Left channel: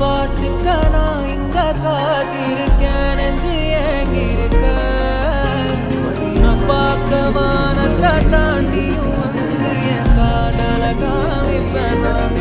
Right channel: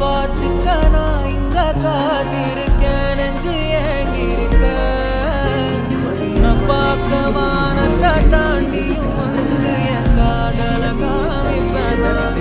பார்த்துக்க நான் இங்க காத்திருக்கேன் நெஞ்சு ஏங்கிருக்க நான் பார்க்க வானத்தை தாண்டியும் வந்து என் காதல காமிப்பேன் நான்